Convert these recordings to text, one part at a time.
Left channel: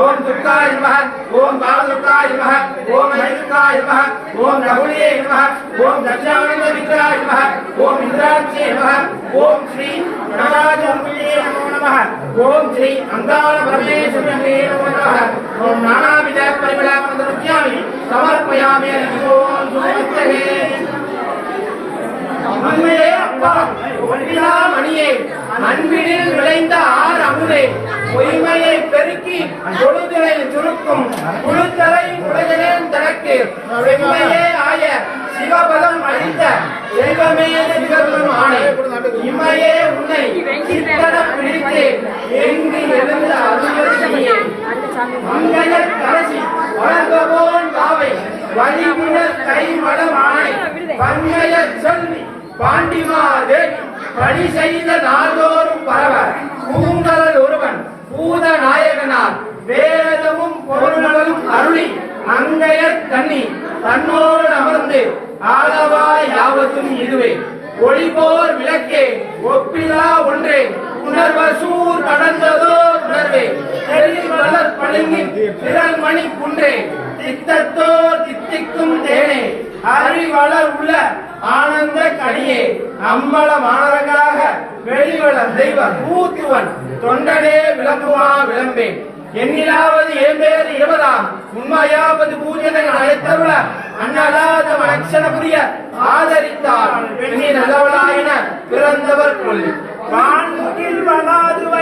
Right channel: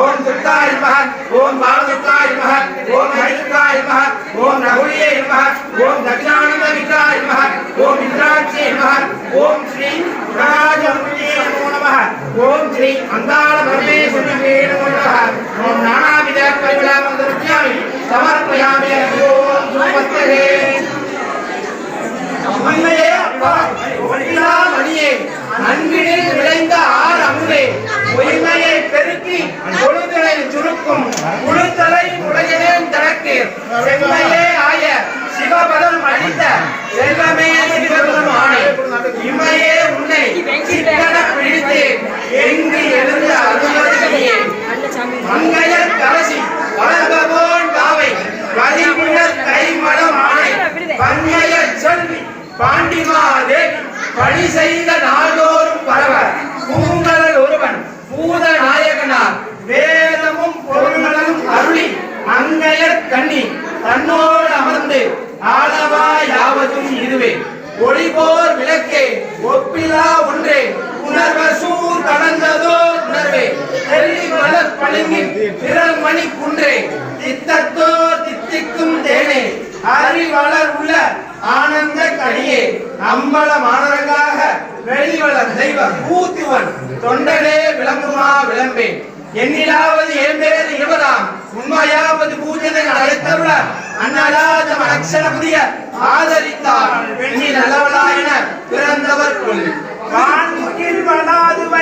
ఓం దుర్గాయ నమః ఓం బాలదుర్గాయ నమః ఓం హైదుర్గాయ నమః ఓం రఘుయే నమః ఓం దక్షిణానమ విగ్రహాయ నమః ఓం ఇంద్రాక్షే నమः ఓం శ్రీ గుణరాజమునే నమః ఓం శ్రీ అంగాల పరమేశ్వరునే నమః ఓం నానావిధ పరిమళామందరుజ్ఞామి సమర్పయామి ఓం உலகத்திற்கும் முழுத்தலை உலகினேன் தனக்கு செம்மையே ஆய சிவபதம் அளித்த செல்வமே சிவபதம் ஆணை இம்மையே உன்னை ஆனந்த கனியே அம்பல மாணவர்களாக வெளிவள தெய்வ பூத்துவன் தொண்டனே விளங்குமா விளம்பே என்னிலாவது ஏம்பேறு இவராம் உண்மையாவது பூஜைகள் அழைத்தருள அண்ணலாத அக்ஷரபுரிய ஆதரித்தார். பெண்ணின் அளவலாயின பிறந்தவர் கொள். காண்கில் வளாதுவ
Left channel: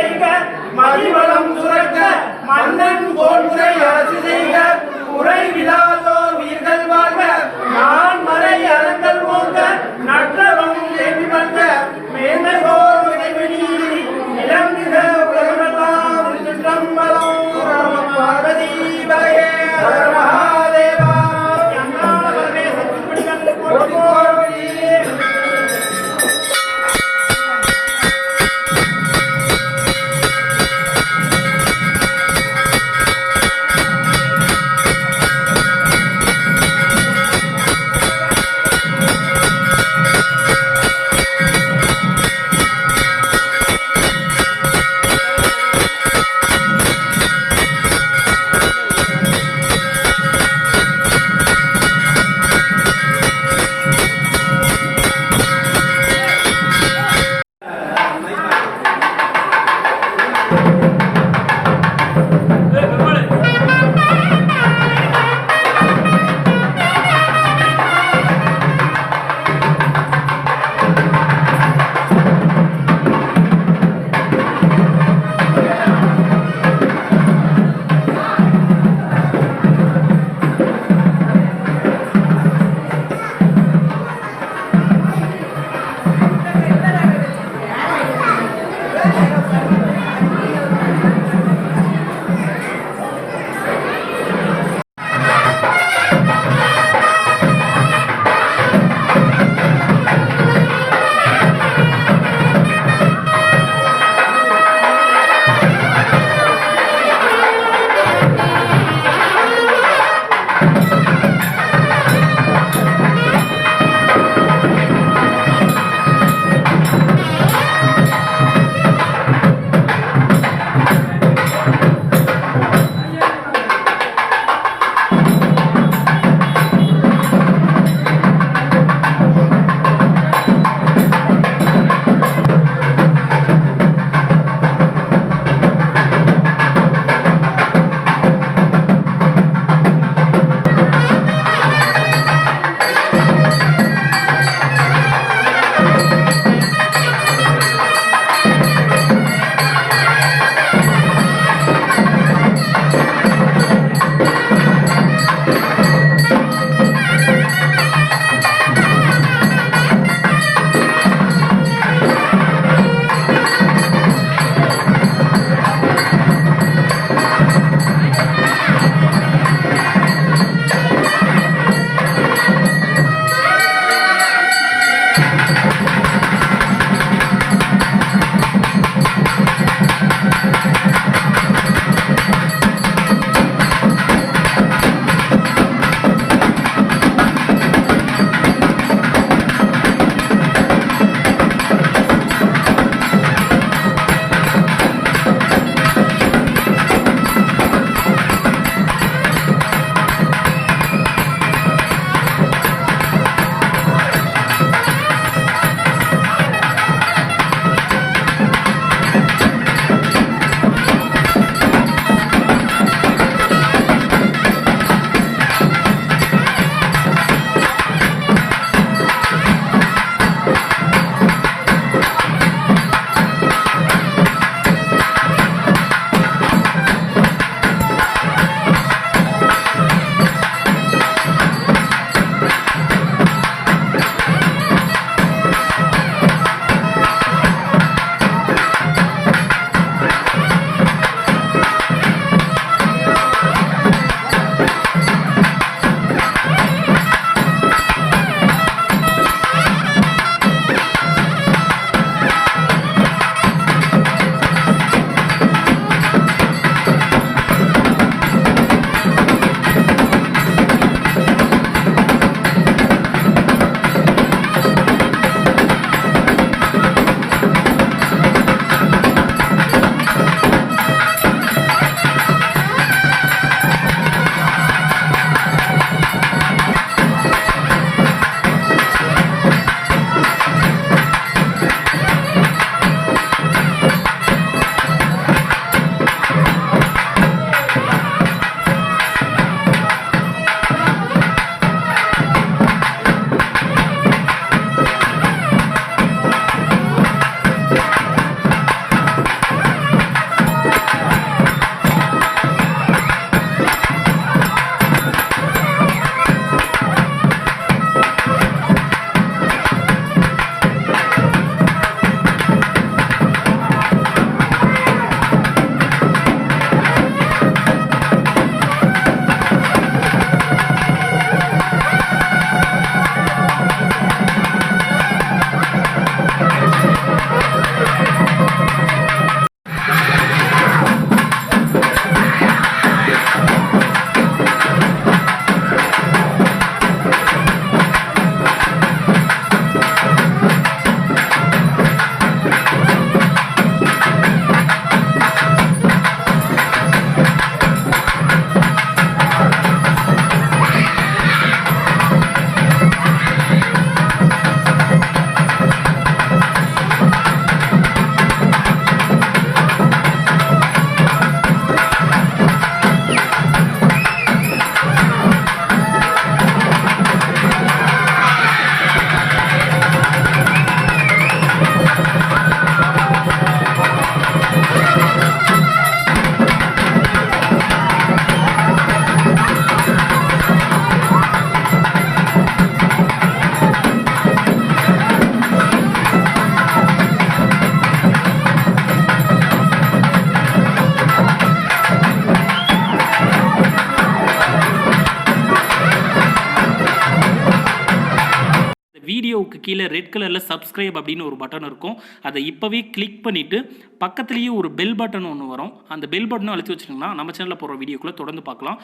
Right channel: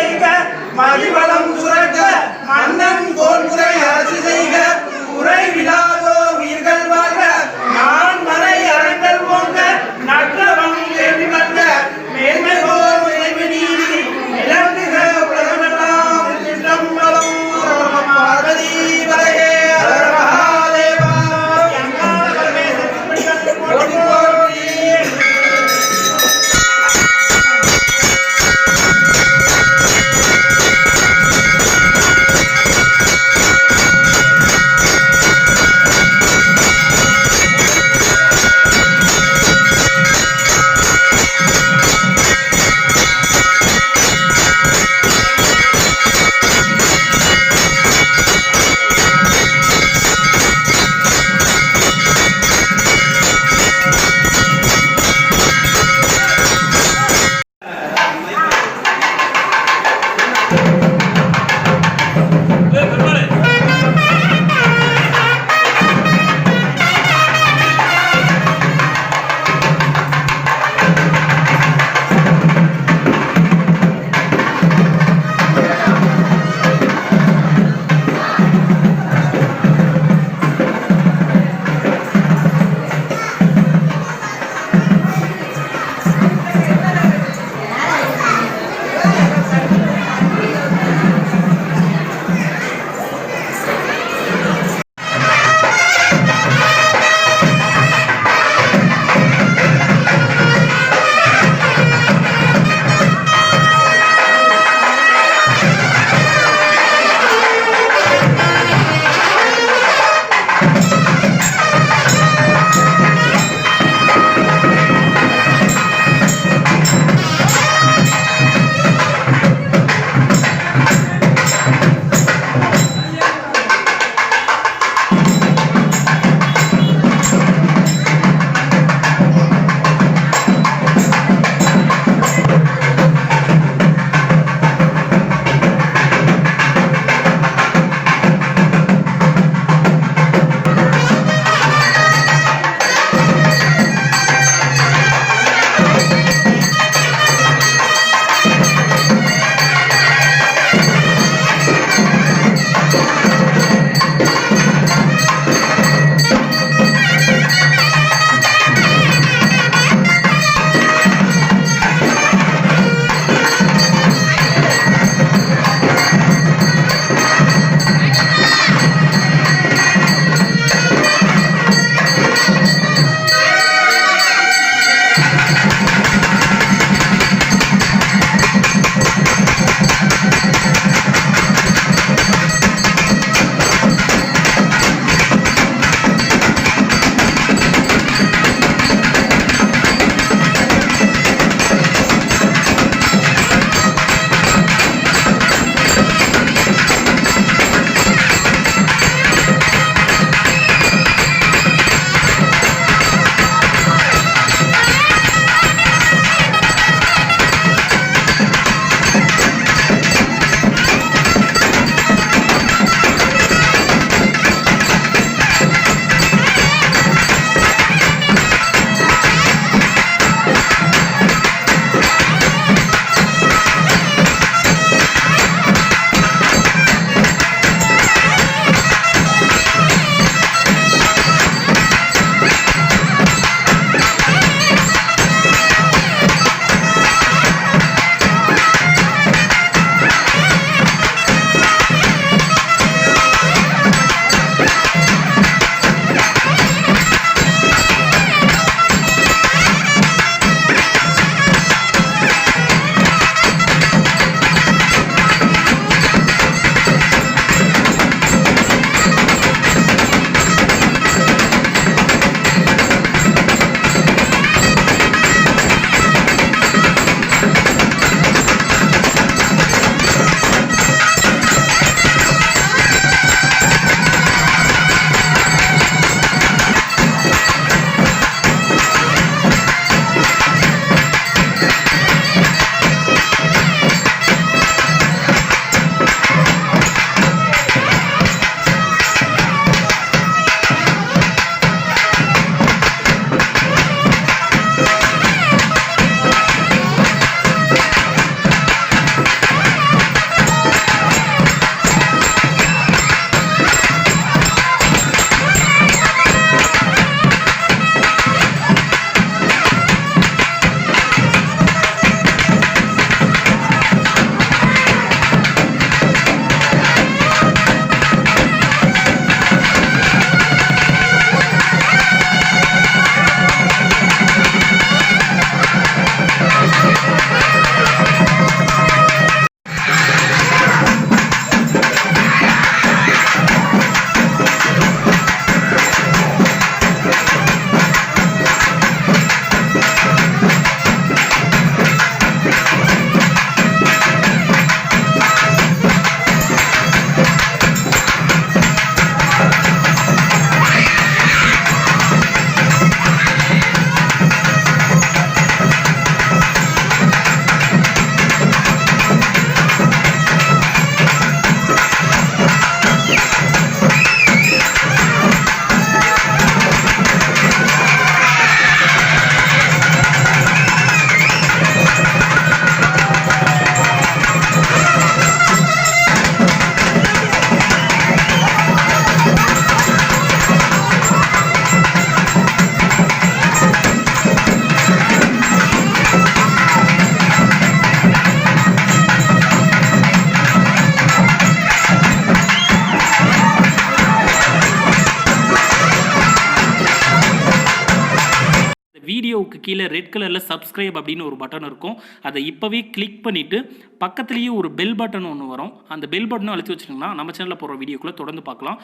வீடியோவுக்கு கீழே ரெட் கலரில் சப்ஸ்கிரைப் அப்படின்னு ஒரு பட்டன் இருக்கும். அதை இப்போவே கிளிக் பண்ணிவிட்டு பக்கத்துலேயே ஒரு பெல் பட்டன் ஒன்று வரும். அந்த பெல் பட்டனும் அழுத்தி வச்சிட்டிங்கன்னா நம்ம சேனலில் போகிற வீடியோக்குள்ளே தொடர்ந்து பார்க்கலாம்.